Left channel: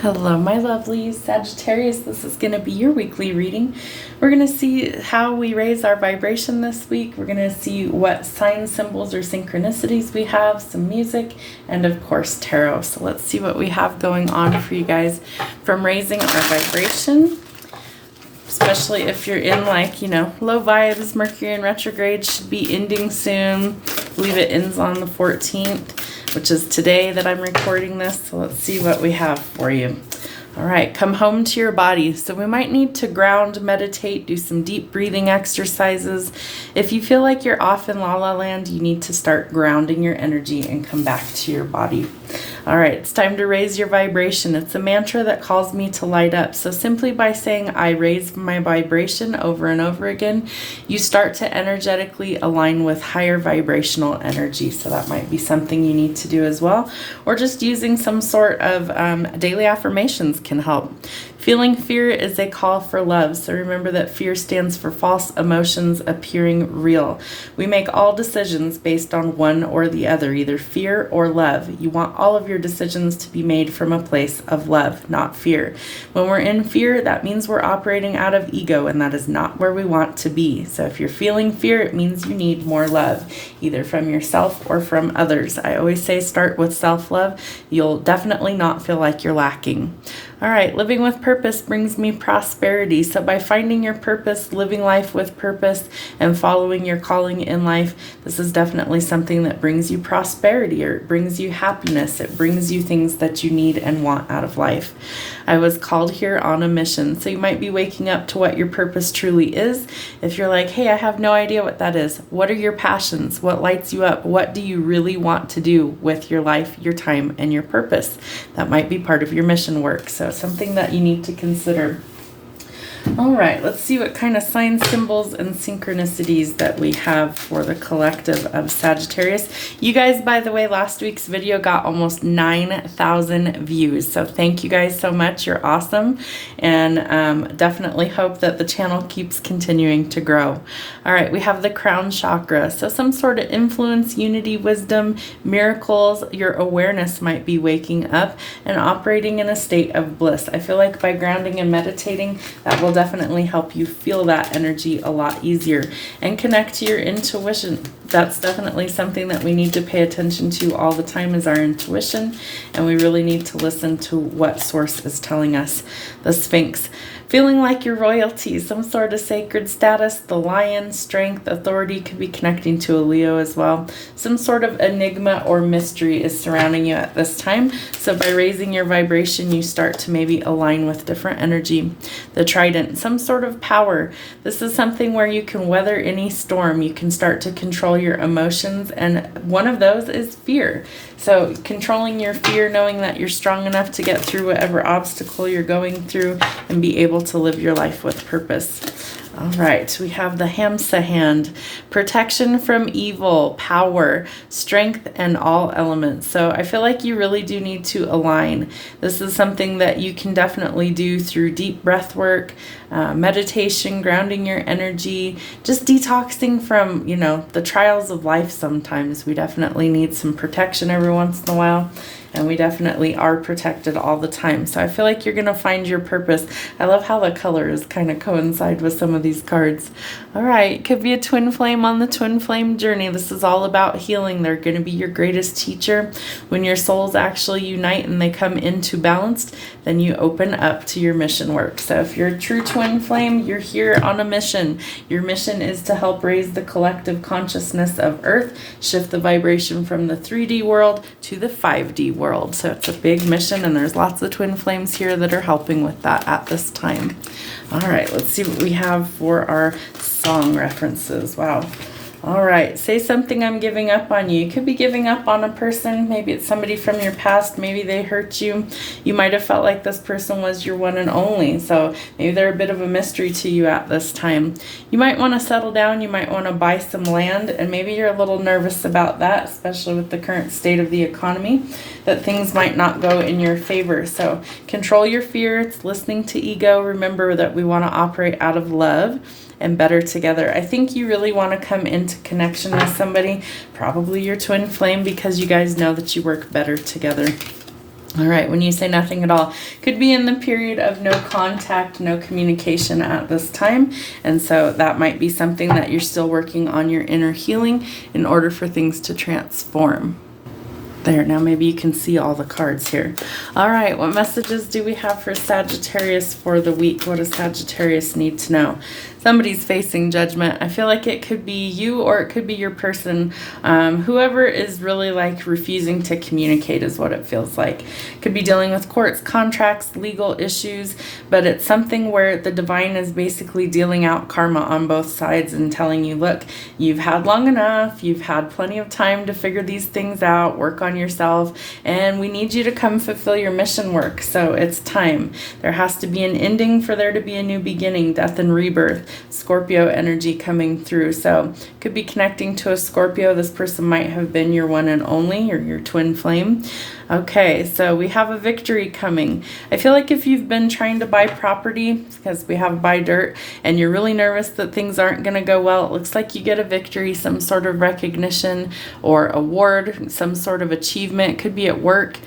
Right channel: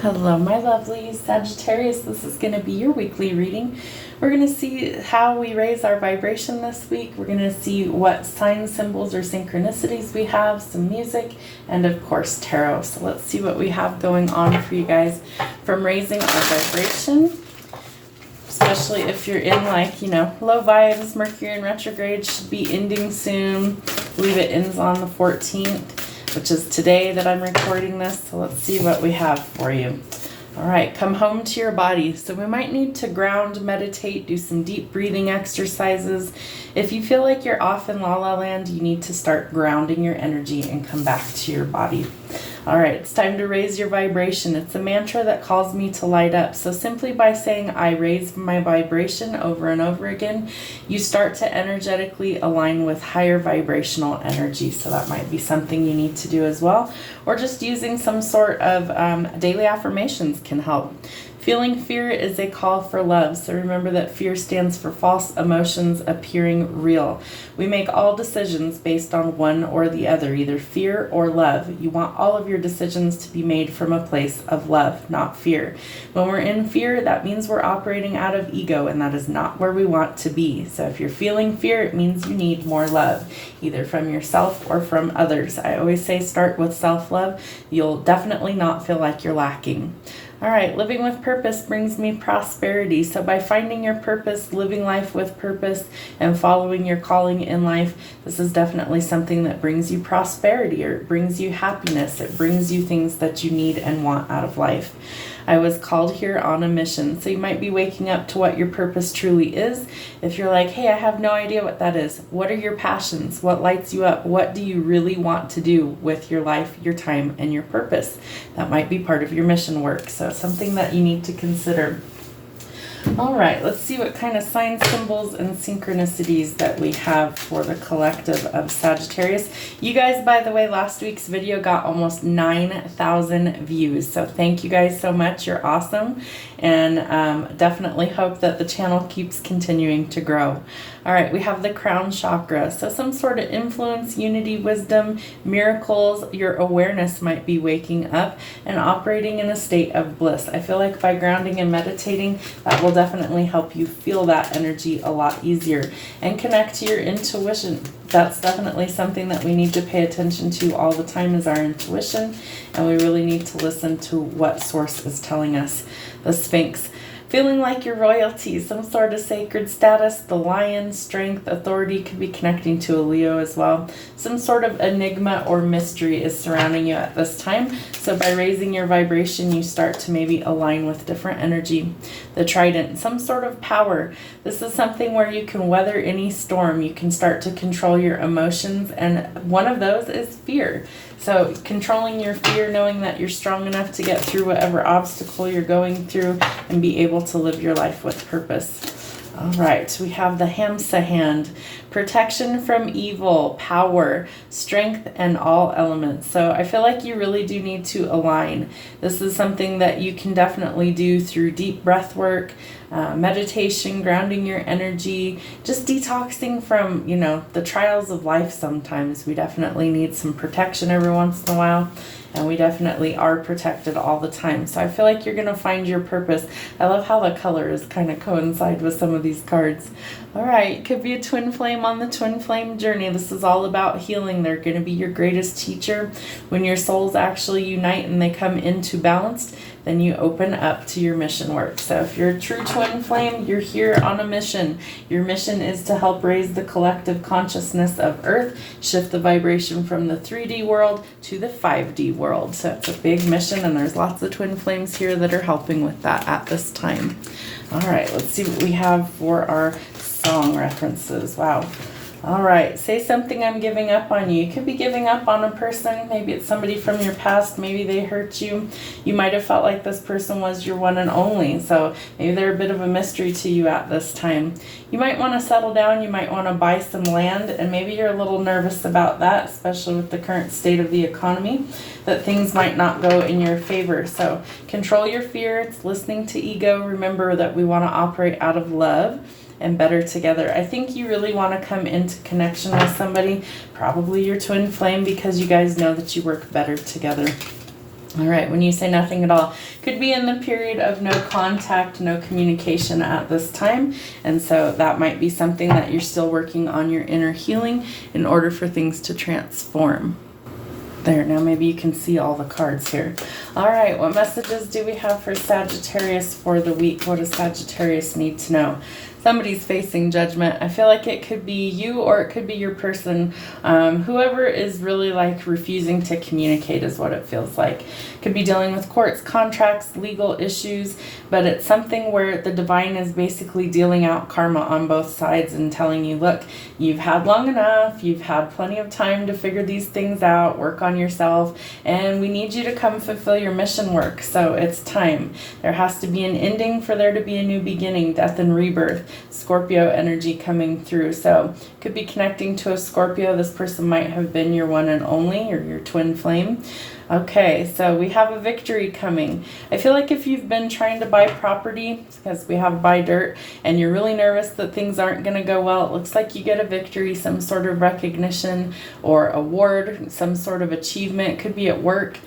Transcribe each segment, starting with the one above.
Hello, my lovelies. Sagittarius, this is going to be your weekly reading. We're going to see how we raise our vibration this week. We're going to see what signs, symbols, or synchronicities we have, some music, and of course, tarot. So let's see what we have going on for you guys from raising our vibration. Especially if you're in low vibes, Mercury in retrograde should be ending soon. I believe it ends on the 14th, which is today that I'm recording this. So let's see what we have for you. All right, come home to your body. So we might need to ground, meditate, do some deep breathing exercises. If you feel like you're off in la la land, you need to start grounding your energy and come back to your body. All right, it's time to raise your vibration. It's a mantra that calls me to light up. So simply by saying I raise my vibration over and over again, you start to energetically align with higher vibrational energy. So that might be something you need to do as well. Or just using some sort of daily affirmations can help. Feeling fear is a call for love. So remember that fear stands for false emotions appearing real. We make all decisions based on one or the other, either fear or love. You want all of your decisions to be made from a place of love, not fear. When we're in fear, that means we're operating out of ego, and that is not where we want to be. So if you're feeling fear, it means you need more love, either from yourself or from others. I always say start with self-love. You'll definitely not feel like you're lacking. All right, living with purpose brings me prosperity. So by finding your purpose, living life with purpose, and following your calling in life, this is definitely something that brings you prosperity, or it brings you happiness. It brings you things that you need and want out of life. I was called here on a mission. So you might be waking up to what your purpose truly is. If you're like, hey, I have no idea what that is. What are your passions? What lights you up? What do you really want to do with your life, your time, and your purpose? That might be part of your mission work. So something that you need to consider. All right, let's see what kind of signs, symbols, and synchronicities that we have for the collective of Sagittarius. You guys, by the way, last week's video got almost 9,000 views. So thank you guys so much. You're awesome. And definitely hope that the channel keeps continuing to grow. All right, we have the crown chakra. So some sort of influence, unity, wisdom, miracles. Your awareness might be waking up and operating in a state of bliss. I feel like by grounding and meditating, that will definitely help you feel that energy a lot easier and connect to your intuition. That's definitely something that we need to pay attention to all the time, is our intuition, and we really need to listen to what source is telling us. The Sphinx. Feeling like you're royalty, some sort of sacred status. The lion, strength, authority, could be connecting to a Leo as well. Some sort of enigma or mystery is surrounding you at this time. So by raising your vibration, you start to maybe align with different energy. The trident, some sort of power. This is something where you can weather any storm. You can start to control your emotions, and one of those is fear. So controlling your fear, knowing that you're strong enough to get through whatever obstacle you're going through and be able to live your life with purpose. All right, we have the Hamsa hand. Protection from evil, power, strength, and all elements. So I feel like you really do need to align. This is something that you can definitely do through deep breath work, meditation, grounding your energy, just detoxing from, the trials of life sometimes. We definitely need some protection every once in a while. And we definitely are protected all the time. So I feel like you're going to find your purpose. I love how the colors kind of coincide with some of these cards. All right, could be a twin flame on the twin flame journey. This is all about healing. They're going to be your greatest teacher. When your souls actually unite and they come into balance, then you open up to your mission work. So if you're a true twin flame, you're here on a mission. Your mission is to help raise the collective consciousness of Earth, shift the vibration from the 3D world to the 5D world. So it's a big mission, and there's lots of twin flames here that are helping with that at this time. All right, let's see what we have for our song references. Wow. All right, say something, I'm giving up on you. You could be giving up on a person. Maybe it's somebody from your past. Maybe they hurt you. You might have felt like this person was your one and only. So maybe they're a bit of a mystery to you at this time. You might want to settle down. You might want to buy some land. And maybe you're a little nervous about that, especially with the current state of the economy, that things might not go in your favor. So control your fear. It's listening to ego. Remember that we want to operate out of love and better together. I think you really want to come into connection with somebody, probably your twin flame, because you guys know that you work better together. All right, when you say nothing at all, could be in the period of no contact, no communication at this time. And so that might be something that you're still working on your inner healing in order for things to transform. There, now maybe you can see all the cards here. All right, what messages do we have for Sagittarius for the week? What does Sagittarius need to know? Somebody's facing judgment. I feel like it could be you or it could be your person. Whoever is really like refusing to communicate is what it feels like. Could be dealing with courts, contracts, legal issues, but it's something where the divine is basically dealing out karma on both sides and telling you, look, you've had long enough, you've had plenty of time to figure these things out, work on yourself, and we need you to come fulfill your mission work. So it's time. There has to be an ending for there to be a new beginning, death and rebirth. Scorpio energy coming through. So could be connecting to a Scorpio. This person might have been your one and only or your twin flame. Okay, so we have a victory coming. I feel like if you've been trying to buy property, because we have buy dirt, and you're really nervous that things aren't going to go well, it looks like you get a victory, some sort of recognition or award, some sort of achievement. Could be at work,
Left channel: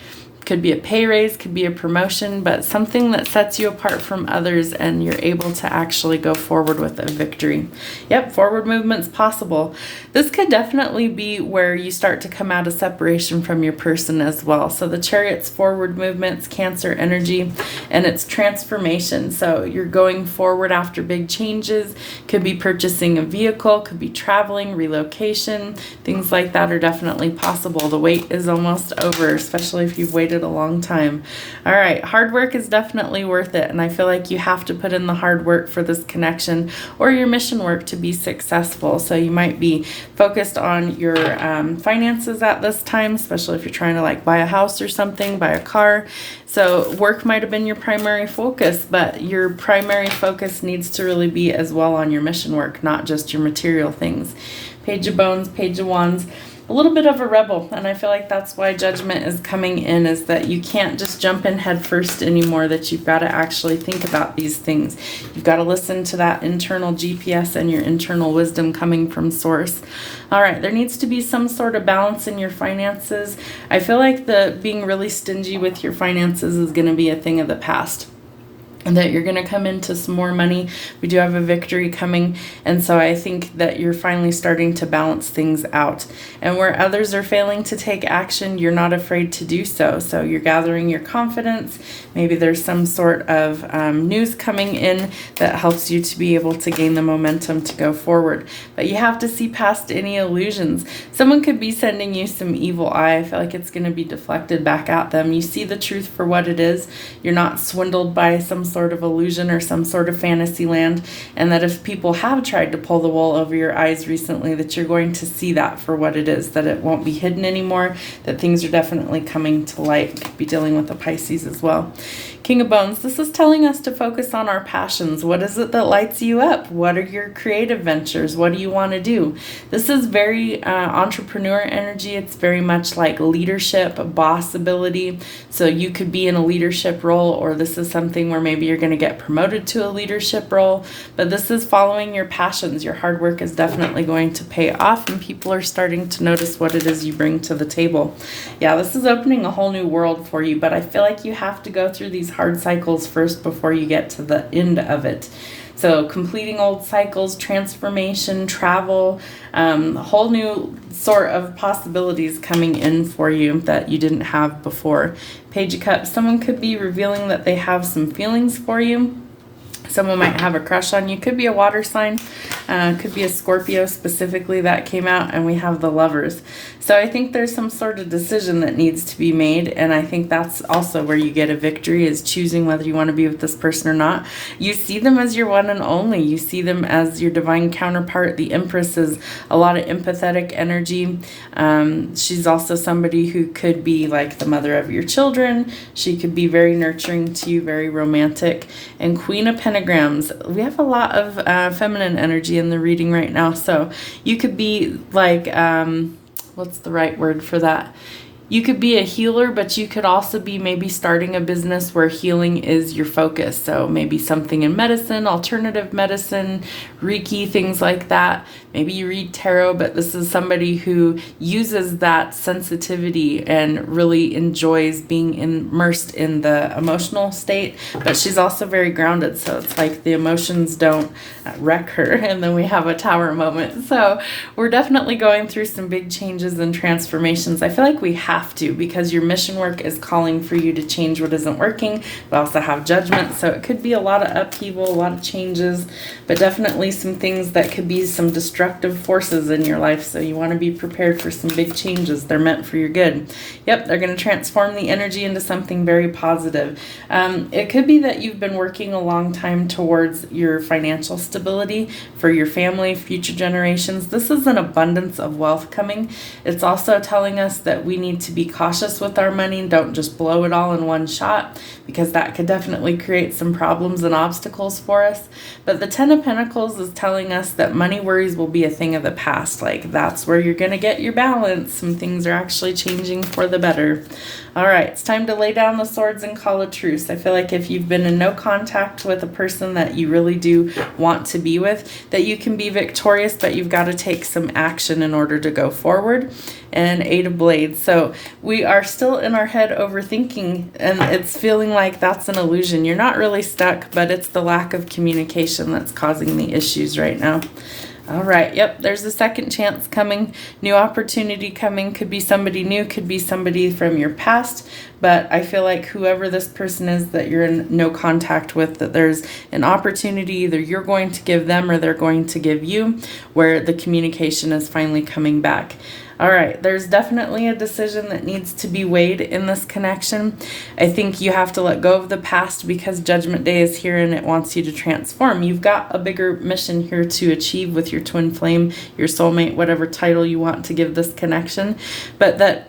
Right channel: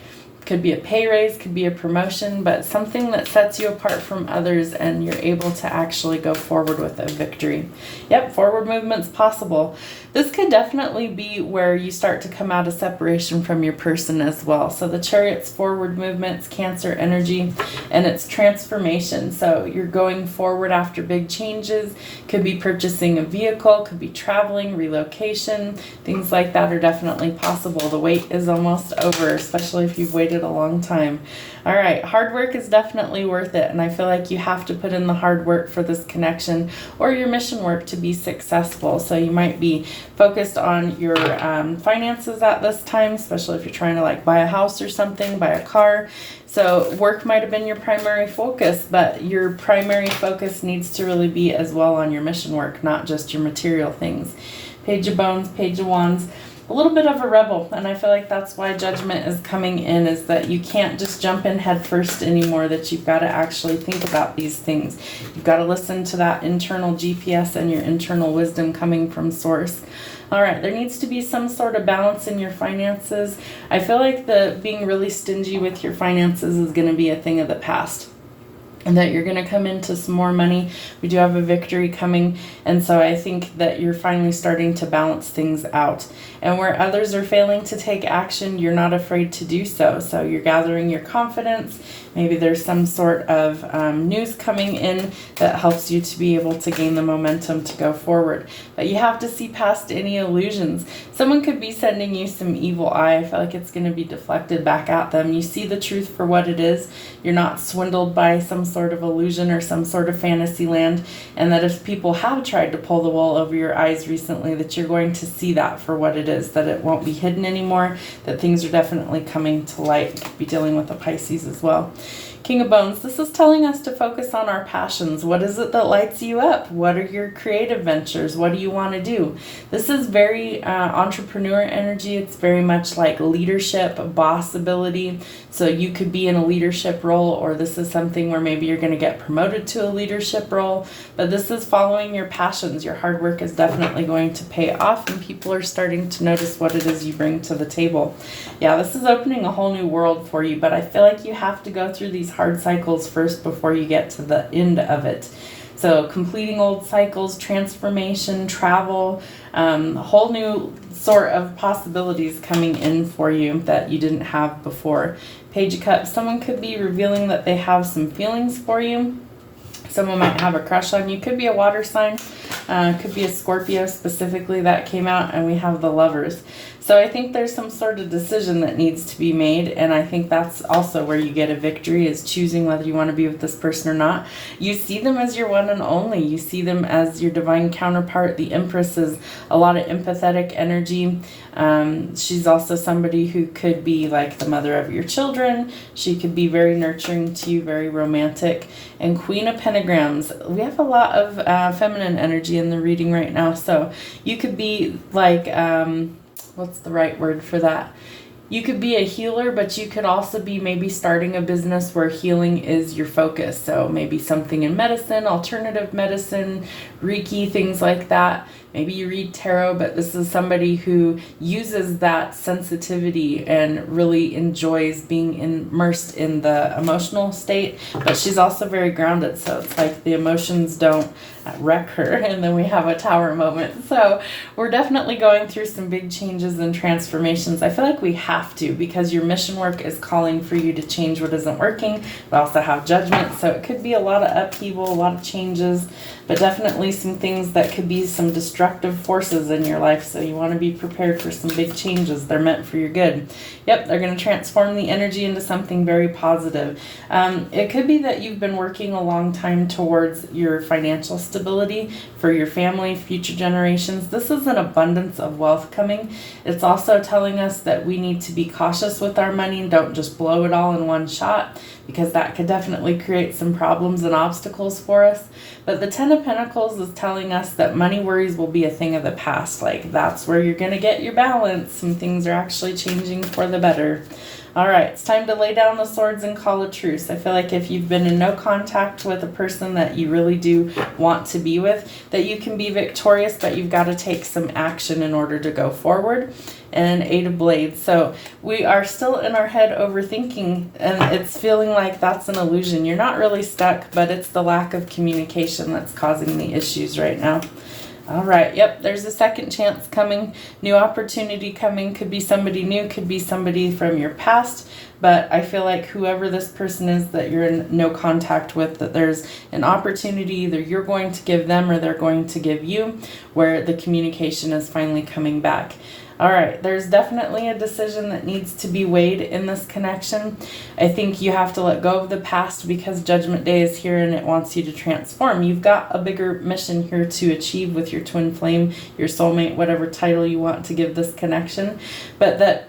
could be a pay raise, could be a promotion, but something that sets you apart from others and you're able to actually go forward with a victory. Yep, forward movement's possible. This could definitely be where you start to come out of separation from your person as well. So the Chariot's forward movement's Cancer energy and it's transformation. So you're going forward after big changes. Could be purchasing a vehicle, could be traveling, relocation. Things like that are definitely possible. The wait is almost over, especially if you've waited a long time. All right, hard work is definitely worth it, and I feel like you have to put in the hard work for this connection or your mission work to be successful. So you might be focused on your finances at this time, especially if you're trying to like buy a house or something, buy a car. So work might have been your primary focus, but your primary focus needs to really be as well on your mission work, not just your material things. Page of Bones, Page of Wands. A little bit of a rebel, and I feel like that's why judgment is coming in, is that you can't just jump in head first anymore, that you've got to actually think about these things. You've got to listen to that internal GPS and your internal wisdom coming from source. All right, there needs to be some sort of balance in your finances. I feel like the being really stingy with your finances is going to be a thing of the past, and that you're going to come into some more money. We do have a victory coming, and so I think that you're finally starting to balance things out. And where others are failing to take action, you're not afraid to do so. So you're gathering your confidence. Maybe there's some sort of news coming in that helps you to be able to gain the momentum to go forward. But you have to see past any illusions. Someone could be sending you some evil eye. I feel like it's going to be deflected back at them. You see the truth for what it is. You're not swindled by some sort of illusion or some sort of fantasy land, and that if people have tried to pull the wool over your eyes recently, that you're going to see that for what it is, that it won't be hidden anymore, that things are definitely coming to light. You could be dealing with a Pisces as well. King of Bones, this is telling us to focus on our passions. What is it that lights you up? What are your creative ventures? What do you want to do? This is very entrepreneur energy. It's very much like leadership, boss ability. So you could be in a leadership role, or this is something where maybe you're going to get promoted to a leadership role. But this is following your passions. Your hard work is definitely going to pay off, and people are starting to notice what it is you bring to the table. Yeah, this is opening a whole new world for you, but I feel like you have to go through these hard cycles first before you get to the end of it. So completing old cycles, transformation, travel, a whole new sort of possibilities coming in for you that you didn't have before. Page of Cups, someone could be revealing that they have some feelings for you. Someone might have a crush on you. Could be a water sign. Could be a Scorpio specifically that came out. And we have the Lovers. So I think there's some sort of decision that needs to be made. And I think that's also where you get a victory, is choosing whether you want to be with this person or not. You see them as your one and only. You see them as your divine counterpart. The Empress is a lot of empathetic energy. She's also somebody who could be like the mother of your children. She could be very nurturing to you, very romantic. And Queen of Pentagrams, we have a lot of feminine energy in the reading right now. So you could be like, what's the right word for that? You could be a healer, but you could also be maybe starting a business where healing is your focus. So maybe something in medicine, alternative medicine, Reiki, things like that. Maybe you read tarot, but this is somebody who uses that sensitivity and really enjoys being immersed in the emotional state, but she's also very grounded. So it's like the emotions don't wreck her, and then we have a tower moment. So we're definitely going through some big changes and transformations. I feel like we have to, because your mission work is calling for you to change what isn't working. We also have judgment, so it could be a lot of upheaval, a lot of changes, but definitely some things that could be some destructive forces in your life. So you want to be prepared for some big changes. They're meant for your good. Yep, they're going to transform the energy into something very positive. It could be that you've been working a long time towards your financial stability for your family, future generations. This is an abundance of wealth coming. It's also telling us that we need to be cautious with our money. Don't just blow it all in one shot, because that could definitely create some problems and obstacles for us. But the Ten of Pentacles is telling us that money worries will be a thing of the past. Like, that's where you're going to get your balance. Some things are actually changing for the better. All right, it's time to lay down the swords and call a truce. I feel like if you've been in no contact with a person that you really do want to be with, that you can be victorious, but you've got to take some action in order to go forward. And Eight of Blades. So we are still in our head overthinking, and it's feeling like that's an illusion. You're not really stuck, but it's the lack of communication that's causing the issues right now. All right. Yep. There's a second chance coming. New opportunity coming. Could be somebody new. Could be somebody from your past. But I feel like whoever this person is that you're in no contact with, that there's an opportunity either you're going to give them or they're going to give you, where the communication is finally coming back. All right, there's definitely a decision that needs to be weighed in this connection. I think you have to let go of the past, because Judgment Day is here and it wants you to transform. You've got a bigger mission here to achieve with your twin flame, your soulmate, whatever title you want to give this connection, but that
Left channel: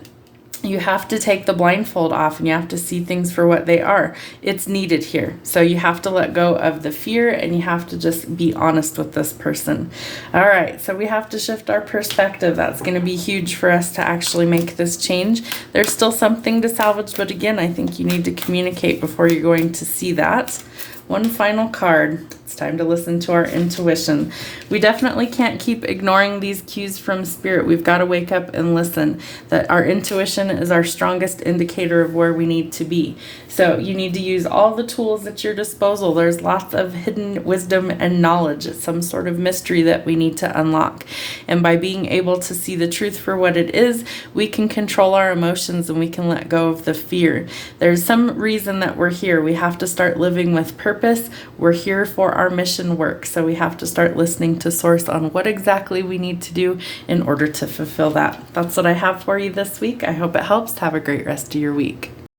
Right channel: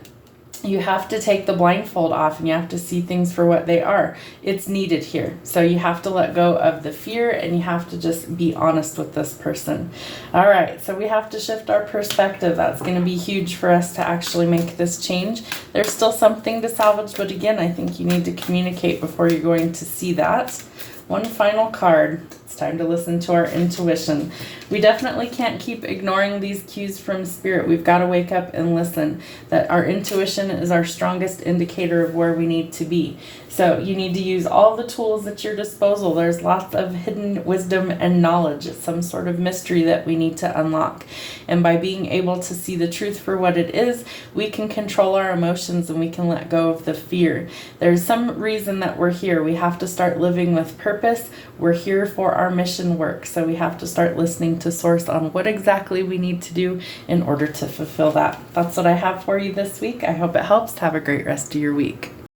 you have to take the blindfold off and you have to see things for what they are. It's needed here. So you have to let go of the fear and you have to just be honest with this person. All right, so we have to shift our perspective. That's going to be huge for us to actually make this change. There's still something to salvage, but again, I think you need to communicate before you're going to see that. One final card. It's time to listen to our intuition. We definitely can't keep ignoring these cues from Spirit. We've got to wake up and listen. That our intuition is our strongest indicator of where we need to be. So you need to use all the tools at your disposal. There's lots of hidden wisdom and knowledge. It's some sort of mystery that we need to unlock. And by being able to see the truth for what it is, we can control our emotions and we can let go of the fear. There's some reason that we're here. We have to start living with purpose. We're here for our mission work. So we have to start listening to Source on what exactly we need to do in order to fulfill that. That's what I have for you this week. I hope it helps. Have a great rest of your week.